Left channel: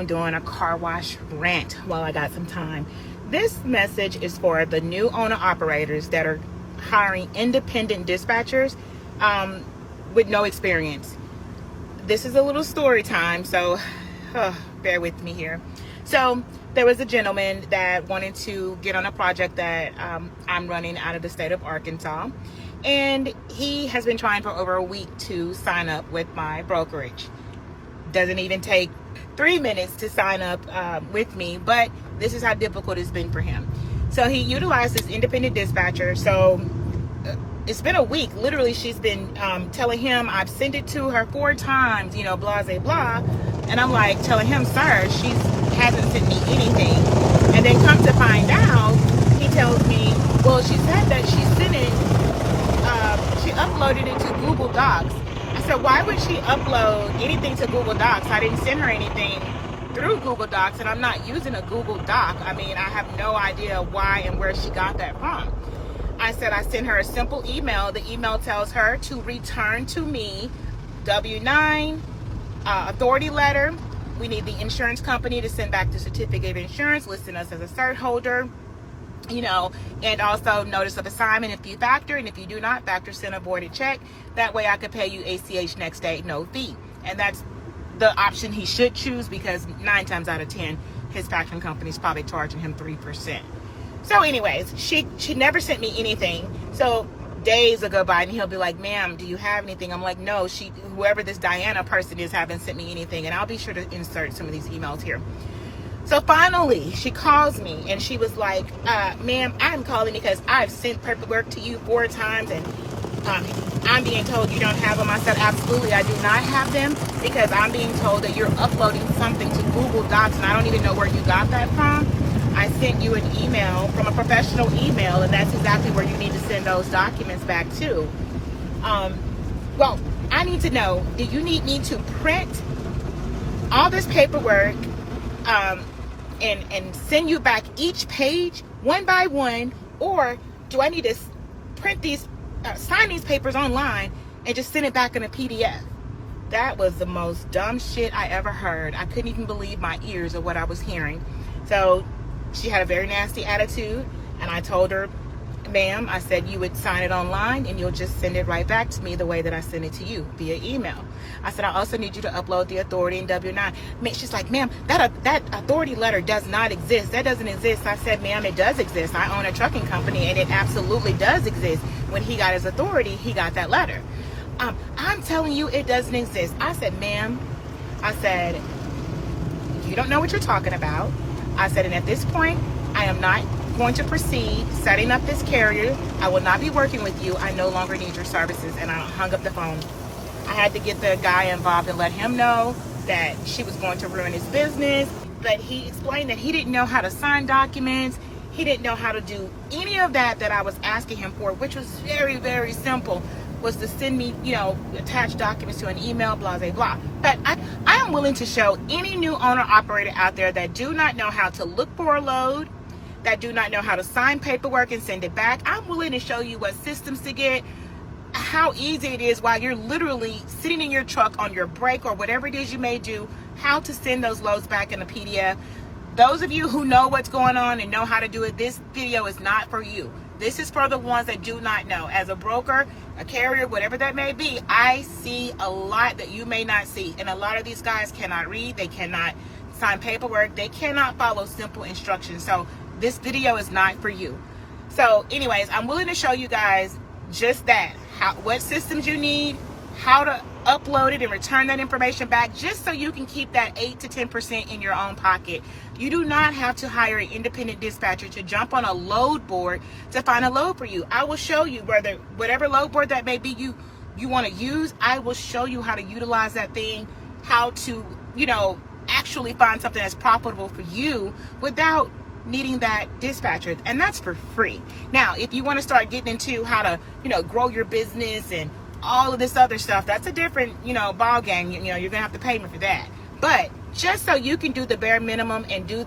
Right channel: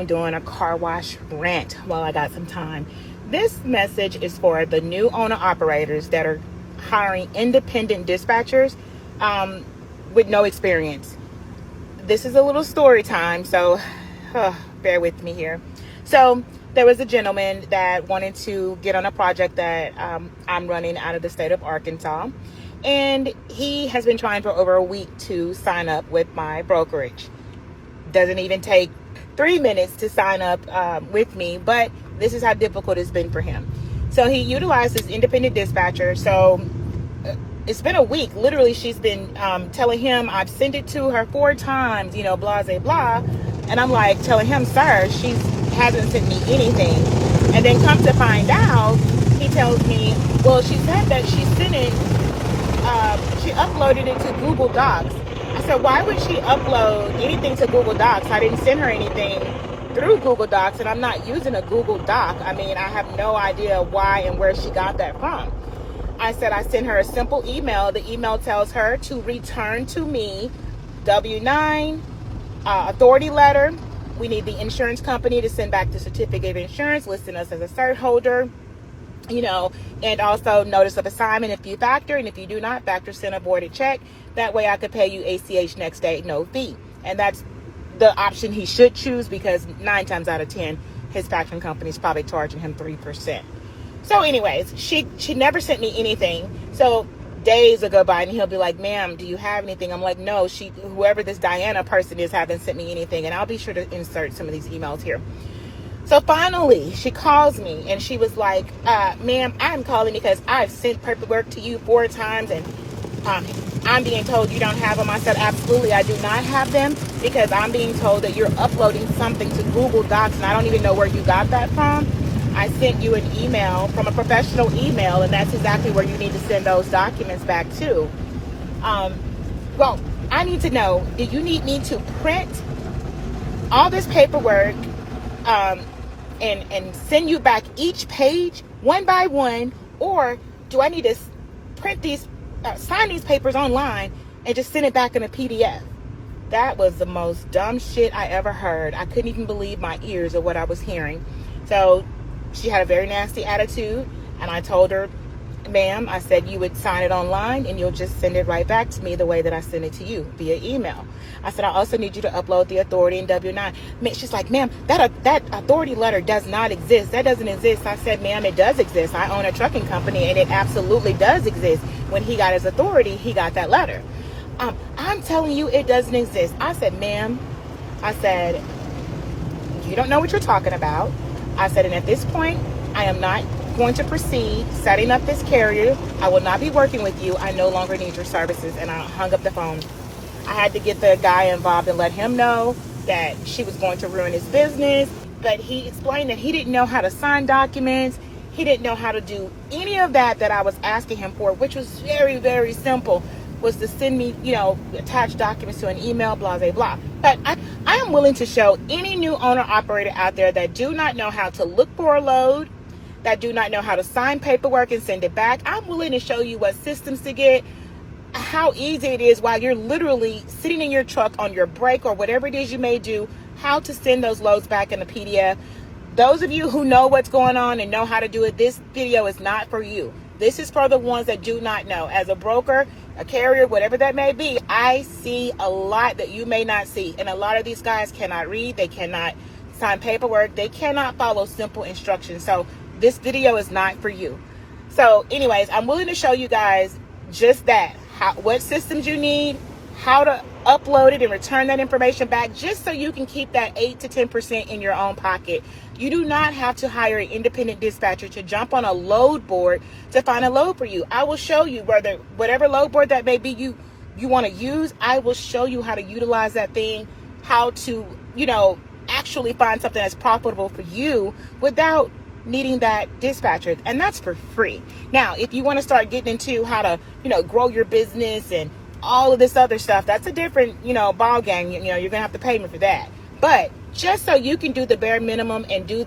am doing a car wash rant while I got some time. This message is for the new owner operators that are hiring independent dispatchers with no experience. This is a little story time, so bear with me here. So there was a gentleman that wanted to get on a project that I'm running out of the state of Arkansas, and he has been trying for over a week to sign up with my brokerage. Doesn't even take 3 minutes to sign up with me, but this is how difficult it's been for him. So he utilized this independent dispatcher. So it's been a week. Literally, she's been telling him, I've sent it to her 4 times, blah, blah, blah. And I'm like telling him, sir, she hasn't sent me anything. And then come to find out, he tells me, well, she said that she sent it, she uploaded it to Google Docs. I said, why would she upload anything to Google Docs? I didn't send her anything through Google Docs, and I'm not using a Google Doc. I mean, I have no idea why and where she got that from. I said I sent her a simple email. The email tells her to return to me W-9, authority letter. We need the insurance company to send back the certificate of insurance, listing us as a cert holder, and also notice of assignment if you factor, and if you do not factor, send a voided check. That way I could pay you ACH next day, no fee. And that's the option he should choose, because 9 times out of 10, his factoring company is probably charging him 3%. So anyways, she never sent me anything. So days will go by and he'll be like, ma'am, do you have anything? I'm like, no, whoever this Diana person is haven't sent me anything. And I'll be sure to insert some of these emails here. So finally, she calls me and she was like, ma'am, I'm calling because I've sent paperwork to you 4 times and I'm being told you don't have them. I said, absolutely, I do not have them, because I'm being told that you're uploading something to Google Docs and I don't even know where you got that from. I sent you an email from a professional email, and that's exactly where you need to send those documents back to. Well, I need to know, do you need me to print all this paperwork and send you back each page one by one, or do I need to print these, sign these papers online and just send it back in a PDF? That was the most dumb shit I ever heard. I couldn't even believe my ears or what I was hearing. So she had a very nasty attitude, and I told her, ma'am, I said you would sign it online and you'll just send it right back to me the way that I sent it to you, via email. I said, I also need you to upload the authority in W-9. She's like, ma'am, that authority letter does not exist. That doesn't exist. I said, ma'am, it does exist. I own a trucking company and it absolutely does exist. When he got his authority, he got that letter. I'm telling you, it doesn't exist. I said, ma'am, I said, you don't know what you're talking about. I said, and at this point, I am not going to proceed setting up this carrier. I will not be working with you. I no longer need your services. And I hung up the phone. I had to get the guy involved and let him know that she was going to ruin his business. But he explained that he didn't know how to sign documents. He didn't know how to do any of that I was asking him for, which was very, very simple, was to send me, attach documents to an email, blah, blah, blah. But I am willing to show any new owner operator out there that do not know how to look for a load, that do not know how to sign paperwork and send it back. I'm willing to show you what systems to get, how easy it is while you're literally sitting in your truck on your break or whatever it is you may do, how to send those loads back in a PDF. Those of you who know what's going on and know how to do it, this video is not for you. This is for the ones that do not know. As a broker, a carrier, whatever that may be, I see a lot that you may not see. And a lot of these guys cannot read. They cannot sign paperwork. They cannot follow simple instructions. So this video is not for you. So anyways, I'm willing to show you guys just that. What systems you need, how to upload it and return that information back, just so you can keep that 8 to 10% in your own pocket. You do not have to hire an independent dispatcher to jump on a load board to find a load for you. I will show you whatever load board that may be you want to use. I will show you how to utilize that thing, how to, actually find something that's profitable for you without needing that dispatcher, and that's for free. Now, if you want to start getting into how to, grow your business and all of this other stuff, that's a different, ball game. You're gonna have to pay me for that. But just so you can do the bare minimum and do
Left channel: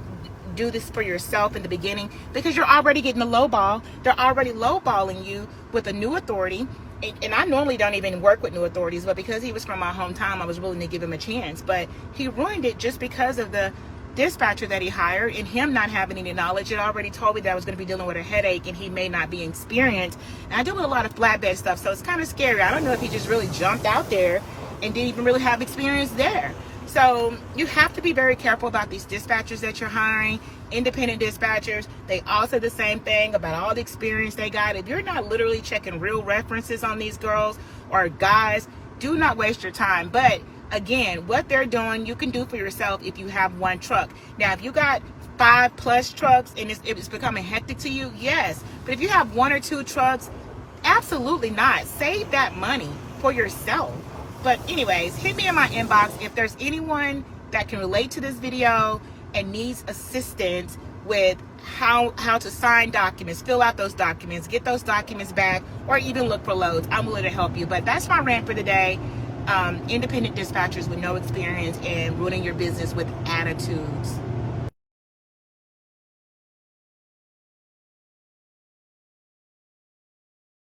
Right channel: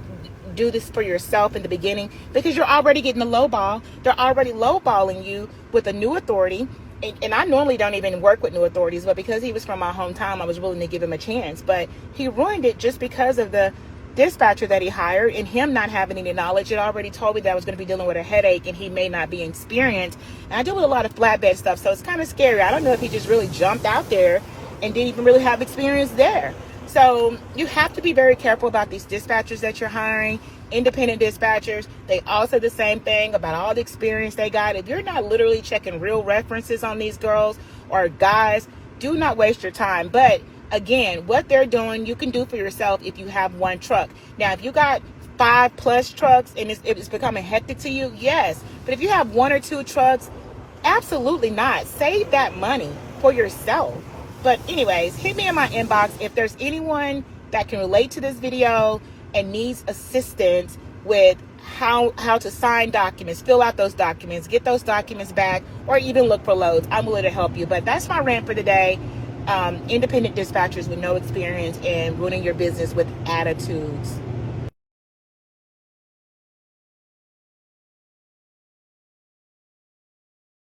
this for yourself in the beginning, because you're already getting a low ball. They're already lowballing you with a new authority. and I normally don't even work with new authorities, but because he was from my hometown, I was willing to give him a chance. But he ruined it just because of the dispatcher that he hired and him not having any knowledge. It already told me that I was going to be dealing with a headache and he may not be experienced. And I deal with a lot of flatbed stuff, so it's kind of scary. I don't know if he just really jumped out there and didn't even really have experience there. So you have to be very careful about these dispatchers that you're hiring. Independent dispatchers, they all say the same thing about all the experience they got. If you're not literally checking real references on these girls or guys, do not waste your time. But again, what they're doing, you can do for yourself if you have one truck. Now, if you got 5+ trucks and it's becoming hectic to you, yes. But if you have 1 or 2 trucks, absolutely not. Save that money for yourself. But anyways, hit me in my inbox if there's anyone that can relate to this video and needs assistance with how to sign documents, fill out those documents, get those documents back, or even look for loads. I'm willing to help you. But that's my rant for the day. Independent dispatchers with no experience and ruining your business with attitudes.